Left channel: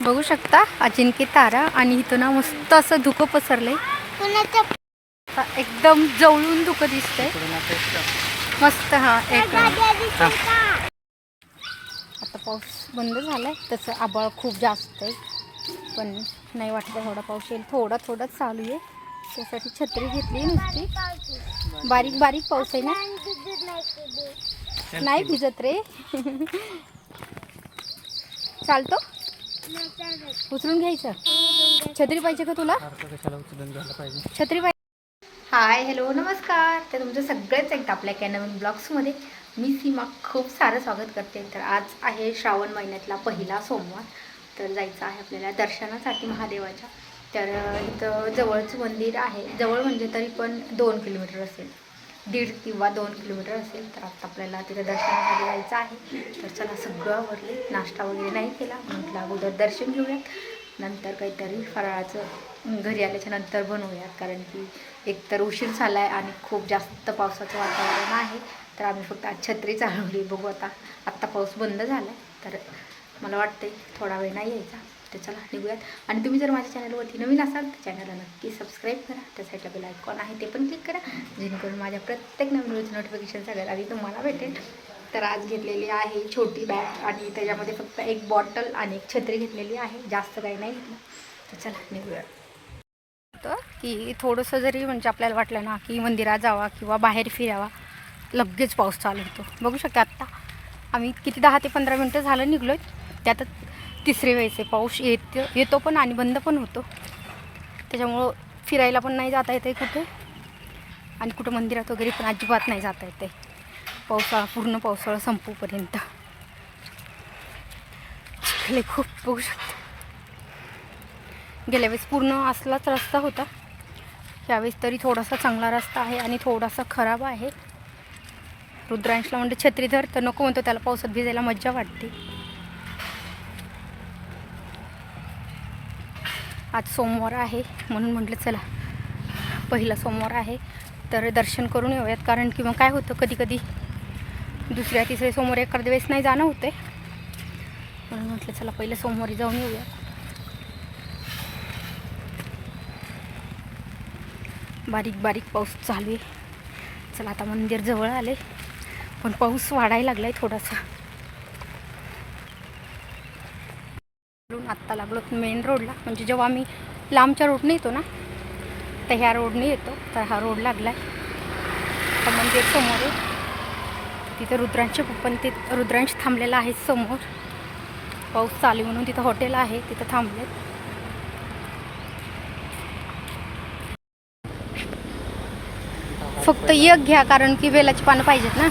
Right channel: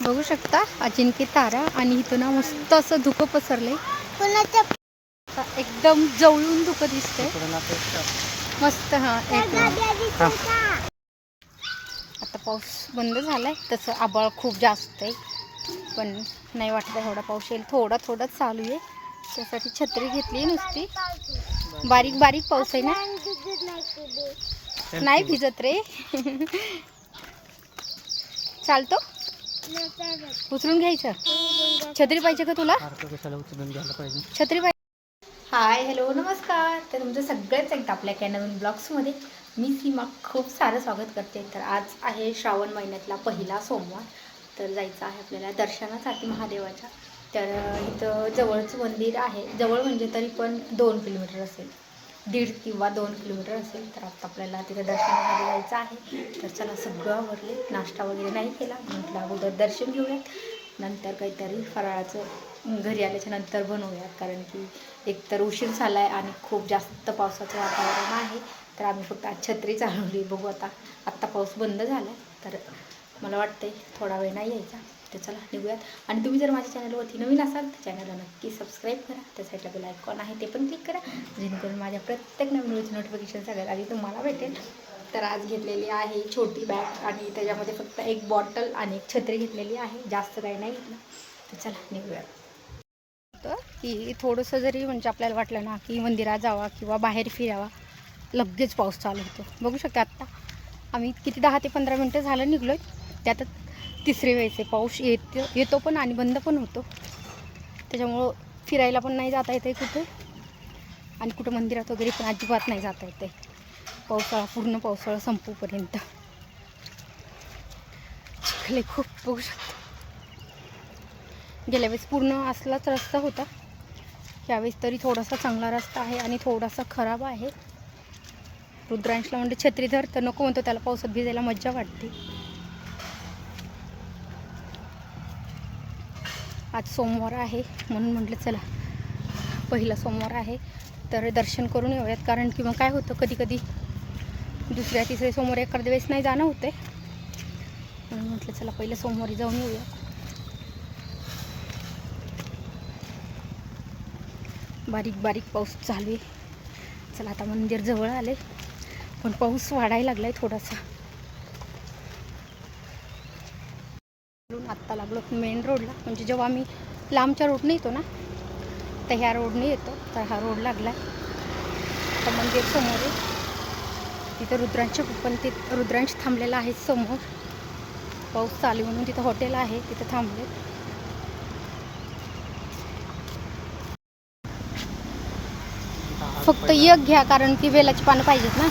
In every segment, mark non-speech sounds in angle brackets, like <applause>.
बघू शकता अजिंक्य तारा आणि इथं ना मस्त असं धुकं पसरलंय. एकदम जवळून धुकं दिसतंय. मस्त हा एक? आता पाऊस बंद झालाय तसं आबाळ खूप जास्त आहे. पण नाही वाटत एवढा पाऊस येईल. थोडा थोडा चालू आहे. त्यासाठी छत्री घेतली नुसती. बारीक बारीक पाऊस आहे ना. नाही भिजत रे. <laughs> चालत. उचलून घ्यायचं? छत्री पाहिजे का तुला? छत्री पाहिजे. हाय हॅलो नमस्कार. तर तुमचं सगळंच एकदा आपल्या काय नवीन ब्लॉग्समध्ये मी सीमा खूप सारं स्वागत करते. तर आज आहे श्रावण महिन्यातला पहिला सोमवार. तर जायचं आहे आपल्याला दर्शनासाठी महादेवाच्या. तर इथं जवळचं मंदिर आहे. जवळ म्हणजे तरी पण दोन किलोमीटर असेल. दीड किंवा दोन किलोमीटर असेल तर आता आपल्याला तिथे दर्शनासाठी जायचं आहे. तर चला सगळं आवरले. नाश्ता वगैरे नाही केला. म्हटलं अगोदर दर्शन घेऊयात. नंतर काहीतरी फराळाचं घरी आल्याच्यानंतर बनवूयात. कारण की एकतर उशीर झाला आहे आणि खूप जास्त पावसाचं वातावरण आहे. तर आम्ही फक्त आज छत्री चालवली. बघू आता आत्ता पाऊस बंद झाला आहे तर मला वाटतंय थोडा वेळ नाही यायचा. तर चला निघूयात. आणि तुम्ही जर माझ्या चॅनलवरती नवीन असाल तर चॅनलला नक्की सबस्क्राईब करा. त्या साईडला बेल आयकॉन आहे ते पण क्लिक करा. जेणेकरून माझ्या प्रत्येक नवीन व्हिडिओचं नोटिफिकेशन सगळ्यात आधी तुम्हाला भेटेल. तर आज घेतलेली आहे छोटी बॅग आणि त्याच्यामध्ये फक्त एक बॉटल आणि एक छत्री घेतलेली आहे. जास्त काही नाही घेतलं. तर चला निघूयात. होतं की थोडंसं जरी म्हणजे आपल्याला वाटलं ना की मंदिरात जावा किंवा बाहेर फिरावा लगेच पाऊस चालू होतो. बघू शकता आत्ता आम्ही किती दहा ते पंधरा मिनटं झालं निघलो त्यातच तिसरे वेळेस आहे पाऊस येत येतो पण आणि बंद पण होतो. त्याच्यामुळं फिरायला पण नाही जाता येते कुठे. आणि कुठं मंदिरात वगैरे पण अजिबात नाही जाता येते पावसाळा पूर्ण पावसाळा संपूपर्यंत. चिखल खूप बघू शकतो गेल्या वेळेस पूर्ण असलाच रस्ता होता. यावेळेस तरी थोडासा चांगला रस्ता आहे आणि थोडासा खराब आहे. रुद्रांशला म्हणजे छत्रीधर तर नको म्हणतो त्याला पावसात भिजायला मज्जा वाटते. आज सोमवार आहे म्हणून म्हटलं चला पहिला सोमवार आहे तर दर्शन करून येऊयात. कारण की मग काय होतं कधी कधी दुसऱ्या तिसऱ्या सोमवार एखाद्या वेळेस नाही जाणं होते म्हणून म्हटलं चला पहिल्या सोमवारी जाऊन येऊयात. बारीक बारीक पाऊस चालू आहे. चला आता मंदिर जवळ आले पण पाऊस वाढायला लागला आहे थोडासा. आता लागलो मेन रोडला म्हणजे जेव्हा आम्ही लांबच्या रोडने येतो ना तर ह्या रोडने येतो. तर हा रोड लागलाय. तर मंदिर समोर आहे. तिथं रुद्रांचे पण ते रुद्रांश थांबलेला आहे समोर. पाऊस चालू आहे म्हणून तिथं हॉटेल आहे. तिथं थांबले. फक्त एक घ्या कारण की वेलाची पानं पाहिजेत ना.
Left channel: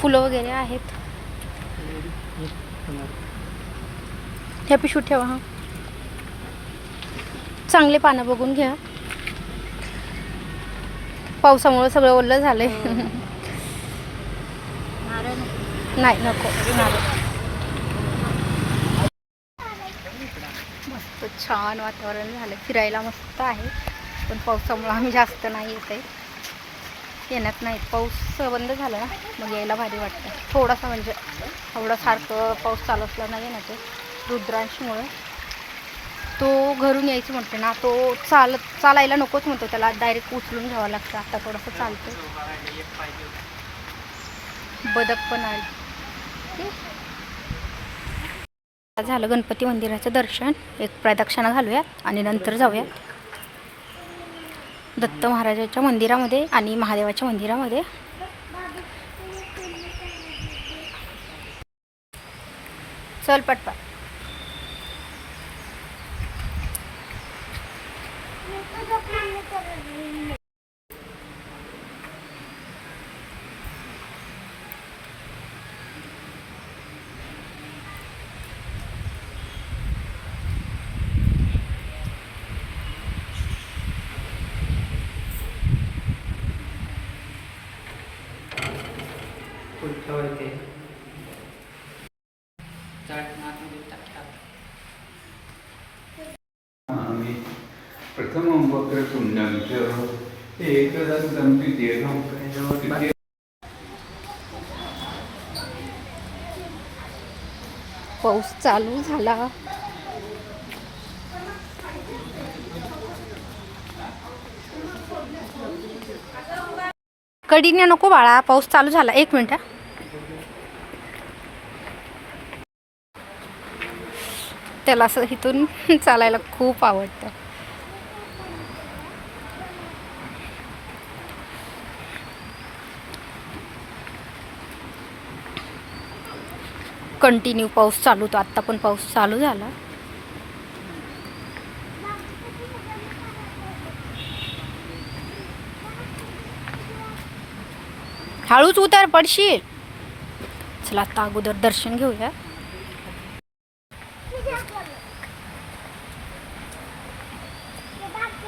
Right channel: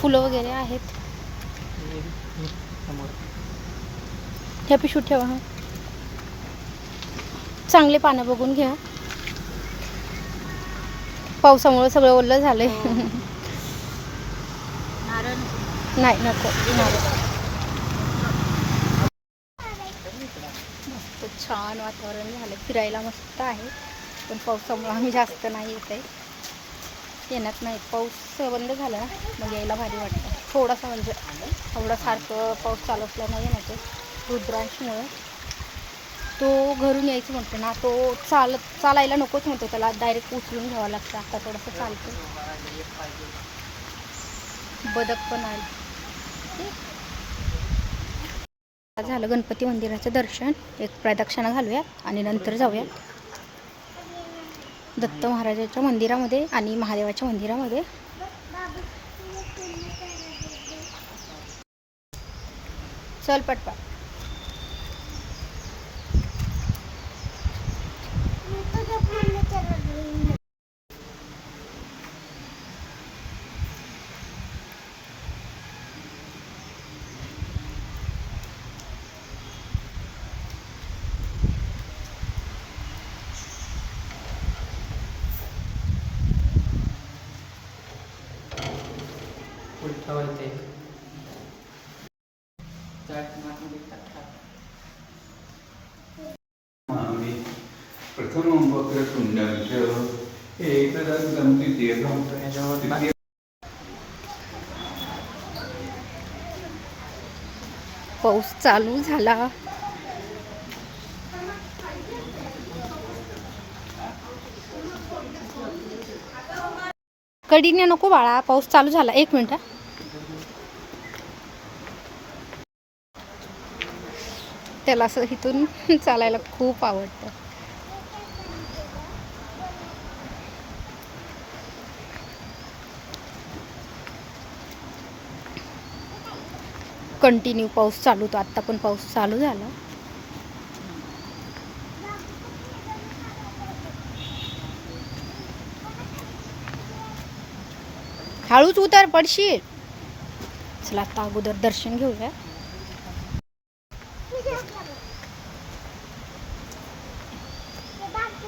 फुलं वगैरे आहेत. ह्या पिशवीत ठेवा हा. चांगले पानं बघून घ्या. पावसामुळे सगळं ओलं झालंय. नाही नको नारळ. मस्त छान वातावरण झालं. फिरायला मस्त आहे. पण पावसामुळे आम्ही जास्त नाही येत आहे. येण्यात नाहीत. पाऊस बंद झाला ना मग यायला भारी वाटतं. थोडासा म्हणजे एवढा सारखं पाऊस चालू असला नाही ते रुद्रांशमुळं तो घरून यायचं म्हणतो ना तो चालत चालायला नकोच म्हणतो त्याला डायरेक्ट उचलून घ्यावं लागतं. आता थोडंसं चालतं बदक पण आली. झालं गणपती मंदिराचं दर्शन. एक प्रदक्षिणा घालूयात आणि नंतर जाऊयात. दत्त महाराजाच्या मंदिरामध्ये आणि महादेवाच्या मंदिरामध्ये. चल पटपट. प्रथमं वक्रतुण्डं च एकदन्तं द्वितीयकं पाऊस चालू झाला. कडीने नको बाळा पाऊस चालू झाला. एक मिनिट. त्याला असं इथून <laughs> चालायला खूप आवडतं. कंटिन्यू पाऊस चालू होतो. आत्ता पण पाऊस चालू झाला. हळूच उतर पडशील. चला आता अगोदर दर्शन घेऊया.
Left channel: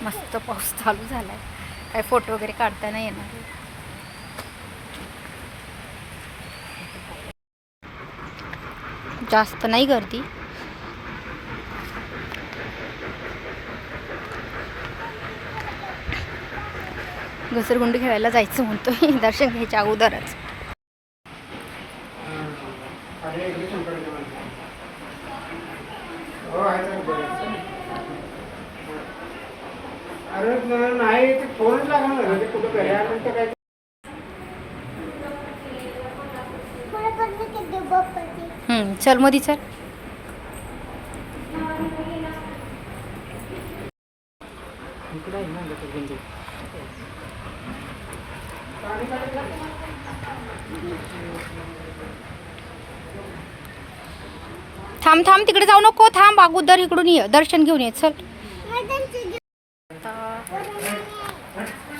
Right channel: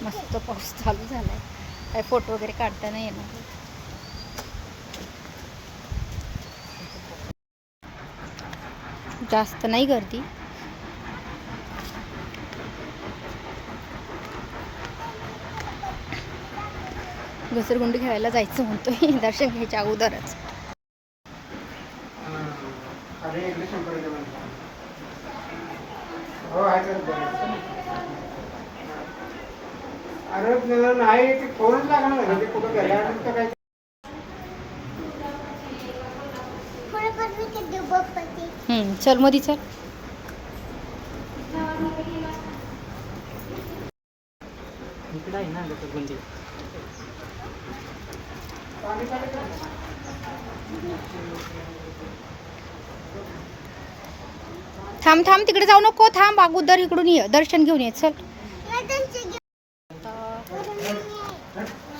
मस्त पाऊस चालू झालाय. काय फोटो वगैरे काढता नाही येणार. जास्त नाही गर्दी. घसरगुंडी खेळायला जायचं म्हणतोय <laughs> दर्शन घ्यायच्या अगोदरच. अरे नाही ते फोन लागणार कुठं घड्याळ काय पुढे पण मी किती बघते हम्म, चल मधी चल. थांब थांब तिकडे जाऊ नको. थांब अगोदर इकडून ये. दर्शन घेऊन ये. चल.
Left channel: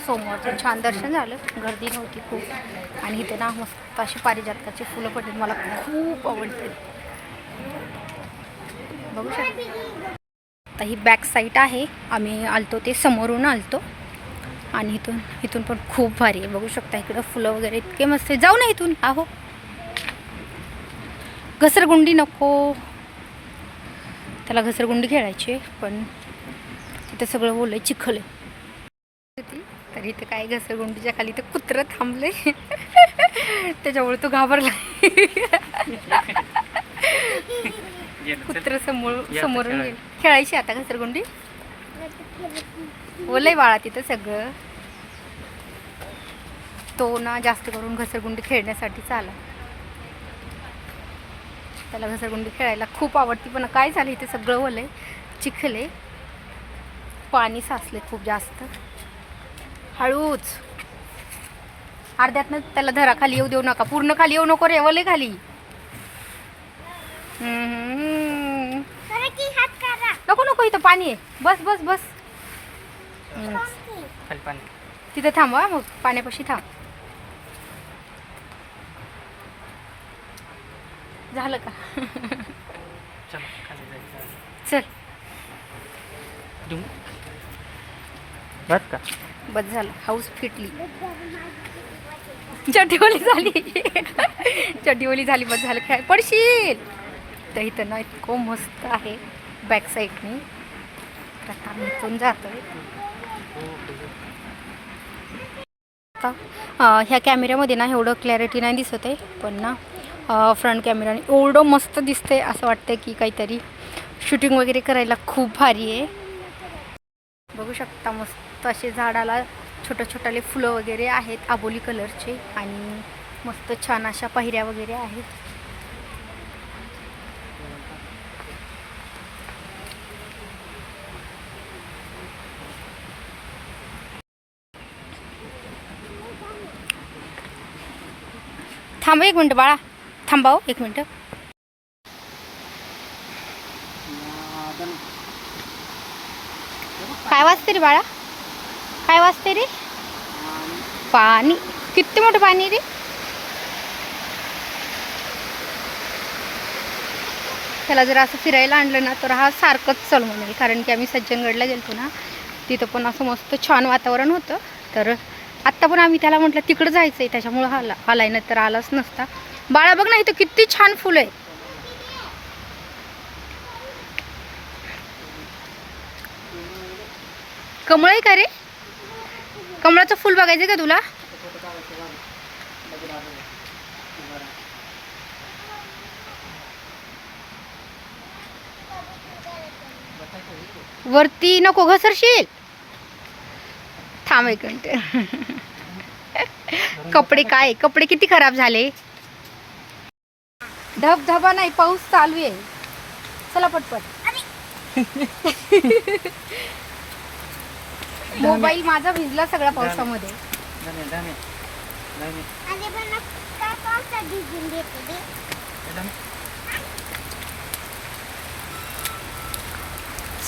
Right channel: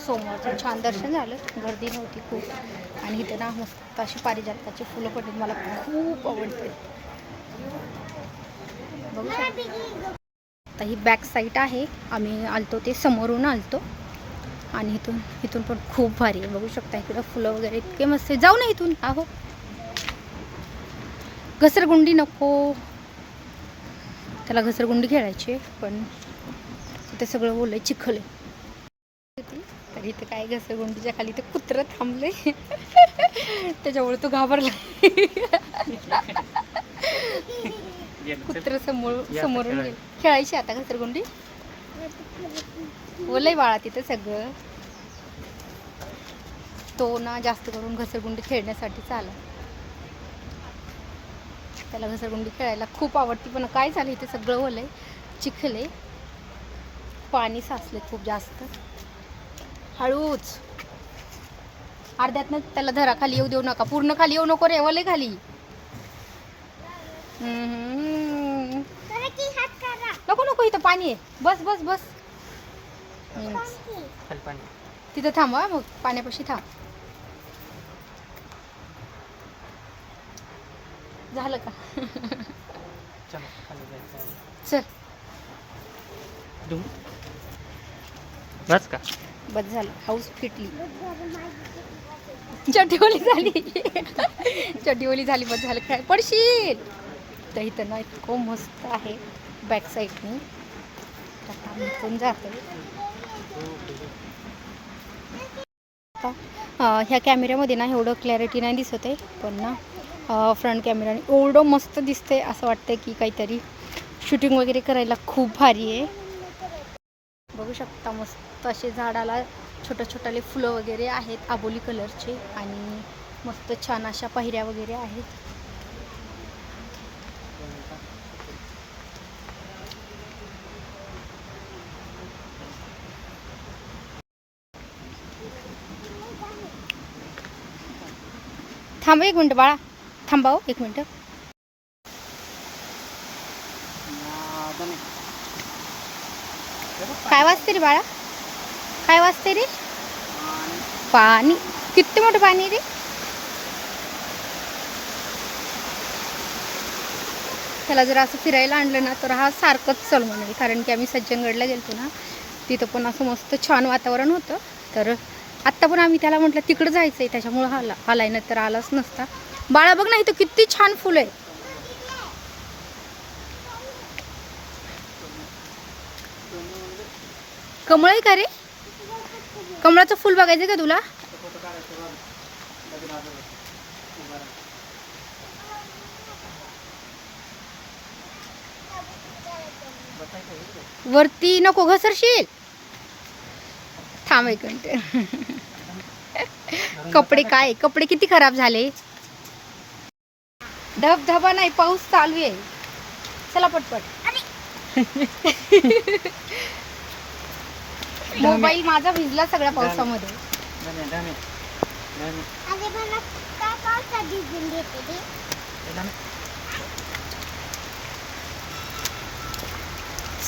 सोमवारचं छान दर्शन झालं. गर्दी नव्हती खूप. आणि इथे ना मस्त अशी पारिजातकाची फुलं पडली मला खूप आवडते. बघू शकता. आता ही बॅक साईड आहे. आम्ही आलतो ते समोरून आलतो. आणि इथून इथून पण खूप भारी आहे. बघू शकता इकडं फुलं वगैरे इतके मस्त आहे जाऊ ना इथून. आहो. घसरगुंडी नको. त्याला घसरगुंडी खेळायची पण तिथं सगळं ओलं चिखल आहे. तर इथं काय घसरगुंडीच्या खाली तर कुत्रं थांबले. त्याच्यामुळे तो घाबरला. कुत्र समोर समोरून गेलं. खेळायची आता घसरगुंडी ओलंय बाळा तिथं सगळं. तो ना जास्त करून घसरगुंडी खेळण्यासाठीच आला त्याला घसरगुंडी खेळायला खूप आवडती पण काय झालं इथे सगळं ओलंय चिखले पाणी साचले खूप जास्त. हळूच. अर्ध्यातनं त्याला धरा खाली येऊ देऊ नका पूर्ण खाली येऊ नको रे ओले खाली हम्म. करा की हात करा नको नको इथं पाणी आहे. बस बस बस. खाली पाणी. तिथं थांब हा मग पाण्यापाशी थांब. झालं का? चला खाली जायचं. चल. बस का? बस झालं. हाऊस फिटली. चटीवली झाली. <laughs> चटीवली झाली बस झालं. काय? पडशील. तर इथं ना इतकं मस्त आहे बॅक साईडनी आता आम्ही जातो जातोय. आता ह्या कॅमेऱ्यामध्ये ना एवढं क्लॅरिटी नाही दिसत आहे पण ना फ्रंट कॅमेराने एवढं मस्त दिसतंय असं वाटतंय की काहीतरी शूटिंग वगैरे करायला खूप भारी आहे. बघू शकता मस्त असे झाडाला छोट्या छोट्याले फुलं वगैरे आहेत आबोली कलरचे आणि मस्त छान अशा पायऱ्या वगैरे आहेत. थांब एक मिनटं बाळा. थांबाव हो, एक मिनटं. काय वाजते रे बाळा? काय वाजते रे? पाणी. किती मोठं पाणी रे? त्याला जर असं फिरायला आणलं ना तर हा सारखंच चल म्हणेल. कारण की आम्ही सज्जनगडला गेलतो ना तिथं पण असं मस्त छान वातावरण होतं. तर आत्ता पण आम्ही त्याला म्हटलं तिकडं जायचं आहे त्याच्यामुळं आला आलाय ना तर आलाच नसता. बाळा बघ ना इथं किती छान फुलं आहे कमळ आहे का रे? कमळाचं फुल बघायचं का तुला? वरती नको घसरशील. थांब एक मिनिट. कपडे काय? कपडे किती खराब झाले? धबधबा नाही पाऊस चालू आहे. चला पटपट. मोबाईल माझा भिजला सगळ्या पावसामध्ये?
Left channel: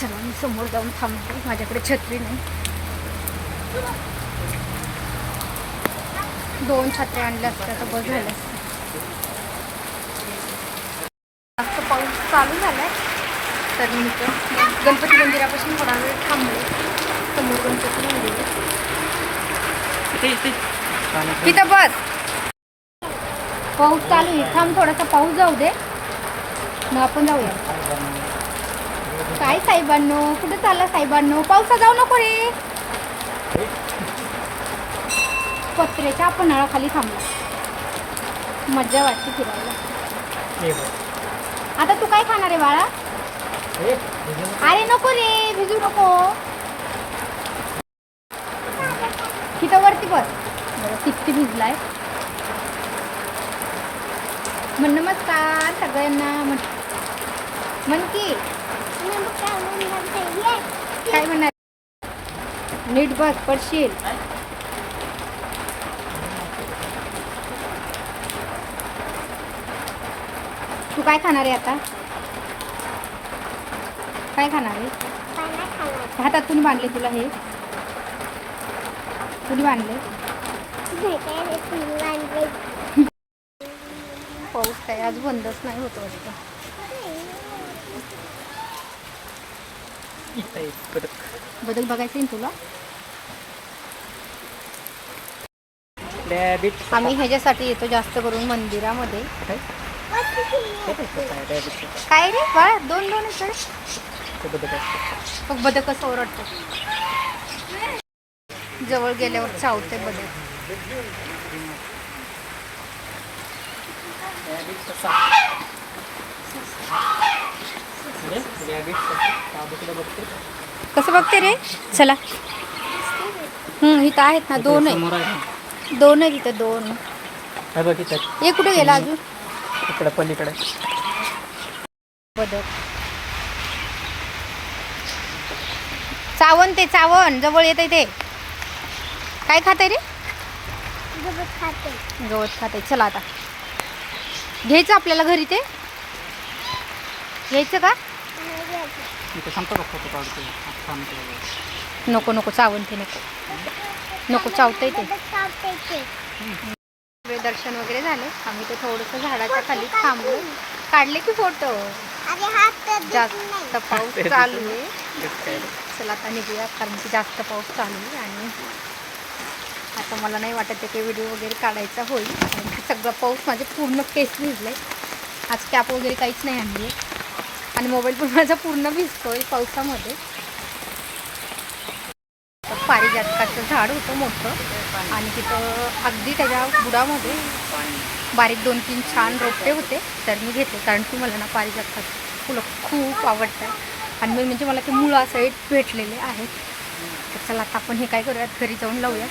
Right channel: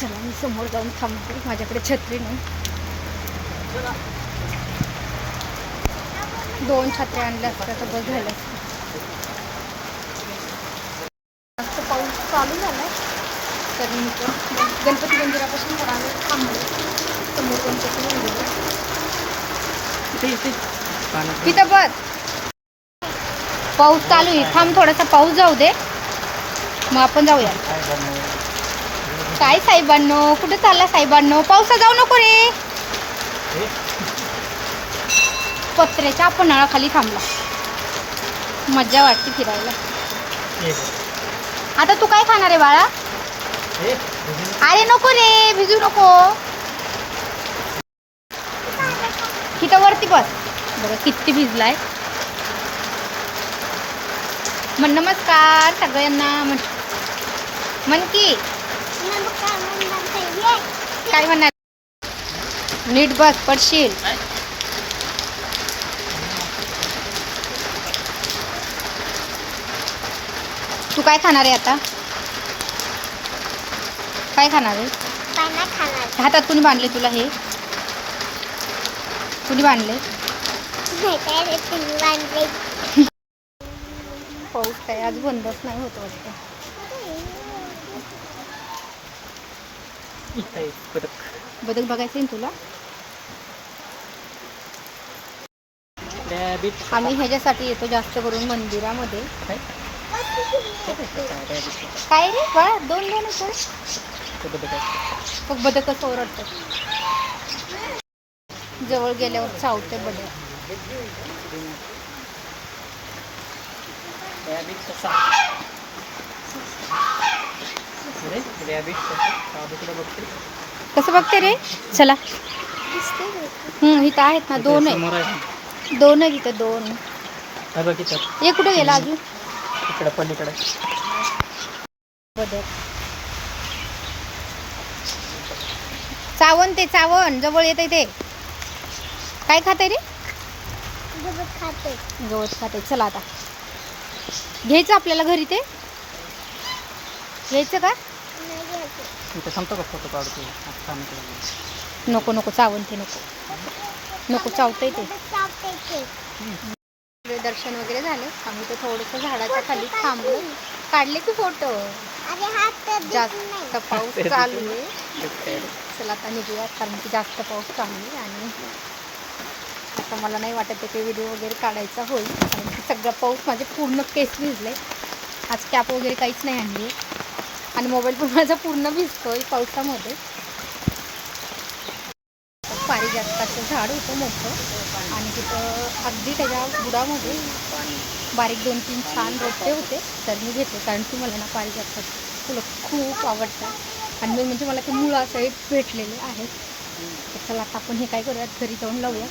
चला मी समोर जाऊन थांबते. माझ्याकडे छत्री नाही. दोन छत्र्या आणल्या असत्या तर बस झालं. जास्त पाऊस चालू झालाय. तर मी गणपती मंदिरापासून थोडा वेळ थांबले. समोर गणपती मंदिर. तिथं बस. पाऊस चालू आहे. थांब थोडासा पाऊस जाऊ दे. मग आपण जाऊया. काय साहेबांनो? कुठे चालला साहेबांनो? पावसा जाऊ नको रे. पत्र्याच्या आपण नळाखाली थांबला मज्जा वाटते फिरायला. आता तू काय खाणार आहे बाळा? अरे नको रे भिजू नको. तिथं वरती बस. बघा किती भिजलाय. म्हण नमस्कार सगळ्यांना. म्हण की. काय म्हणणार ते? ये. काय म्हणणार नीट बस पडशील. तू काय खाणार आहे आता? काय खाणार आहे? काय नाही खाणार. हातात कुणी बांधले तुला हे? कुणी बांधले. पाऊस काय? आज बंदच नाही होत वाटतं. बदक बघायचं आहे ना तुला आम्ही ह्याच्यासाठी येतो जास्त करून मंदिरामध्ये. काय? रे? बाळा दोन दोन. बघ बदक कसं ओरडतं. जवळ गेल्यावर चावते बदक. कसं बघते रे? चला. हम्म इथं आहेत ना दोन आहे. दोन आहे तिथं दोन. हे कुठे गेला अजून? इकडे पलीकडे. बदक चावण ते चावण जवळ येत ते. काय खाते रे? गवत खाते. गवत खाते. चला आता. घ्यायचं आपल्याला घरी ते? घ्यायचं का? नाही घ्यायचं. इथं सांगतो का फोटो काढतो. नको नको. चावण ते नको. नको चावतंय ते. दर्शन वगैरे झाले. आम्ही तर थोडंसं झाडाच्या खाली थांबलो. काढले की फोटो. जास्त पाऊस <laughs> चालू आहे. चला आता निघूया कारण की जास्त पाऊस चालू आहे आणि आता मला नाही वाटत आहे की व्हिडिओ वगैरे काढायचा होईल. कारण की सगळा पाऊस माझे पूर्ण केस भिजले आज कॅप वगैरे काहीच नाही आणली. आणि मोबाईल पण माझा पूर्ण भिजतोय पावसामध्ये. म्हणजे तर पारिजातकाचं झाड होतं मोठं. आणि तिथं अगदी त्याच्या बुडामध्ये बारीक दोन तीन छान रोपटे होते. तर मी घेतले कारण की मला ना पारिजातकाची फुलं खूप आवडतात. आणि मी म्हणजे मला ते मुळं सहित भेटलेले आहेत. तर चला आता आपण हे काय करूयात? घरी जाऊन लावूया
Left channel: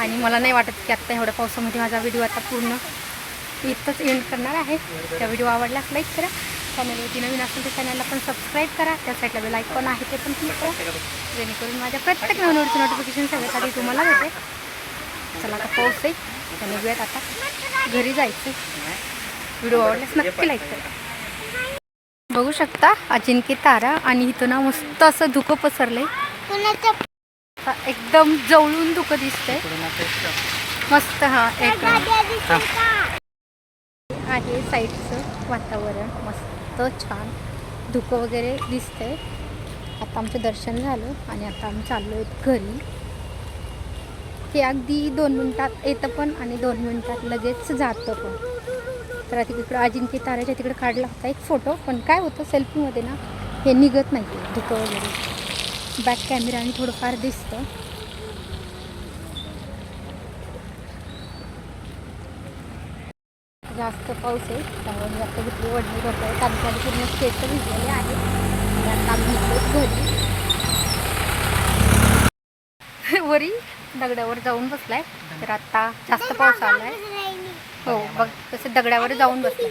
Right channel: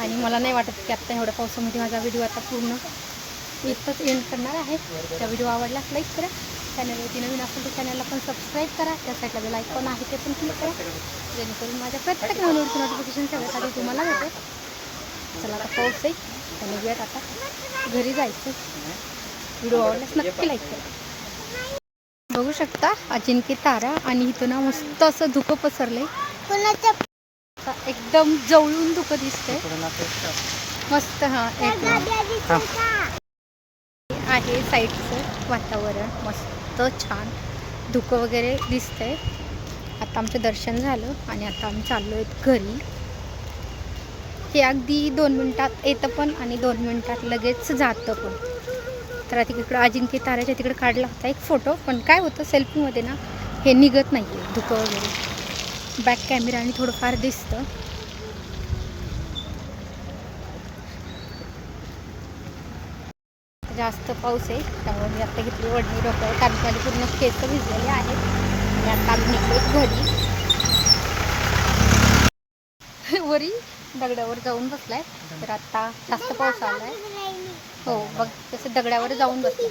आणि मला नाही वाटत की आत्ता एवढ्या पावसामध्ये माझा व्हिडिओ आता पूर्ण इथंच एंड करणार आहे. त्या व्हिडिओ आवडल्यास लाईक करा. चॅनलवरती नवीन असेल तर चॅनलला पण सबस्क्राईब करा. त्या साईडला बेल आयकॉन आहे ते पण क्लिक करा. जेणेकरून माझ्या प्रत्येक नवीन नोटिफिकेशन सगळ्यात आधी तुम्हाला भेटेल चला आता पाऊस आहे. त्या निघूयात आता. घरी जायचं व्हिडिओ आवडल्यास नक्की लाईक करा. बघू शकता अजिंक्य तारा आणि इथं ना मस्त असं धुकं पसरलंय. कुणाचं आता एकदम जवळून धुकं दिसतंय. मस्त हा एक? आहे साईडचं वातावरण. मस्त. छान धुकं वगैरे दिसतंय. आता आमचं दर्शन झालं आणि आता आम्ही चाललो आहेत घरी. हे अगदी दोन मिनटात येतं पण आणि दोन मिनटात लगेच जातं पण. तर आता तिकडं अजिंक्य ताऱ्याच्या तिकडे काढला होता एक फोटो पण काय होतं सेल्फीमध्ये ना हे निघत नाही आहे धुकं वगैरे. बॅक कॅमेराने थोडंफार दिसतं. जास्त पाऊस आहे त्यामुळे मी आता घेतली वडणी डोक्यावर कारण की माझे पूर्ण केस भिजलेले आहे. आणि आता आम्ही निघतोय घरी. वरी दगडावर जाऊन बसलाय तर आता जास्त पाऊस आलाय. आहे हो बघ तसं दगडावर जाऊन बसलाय.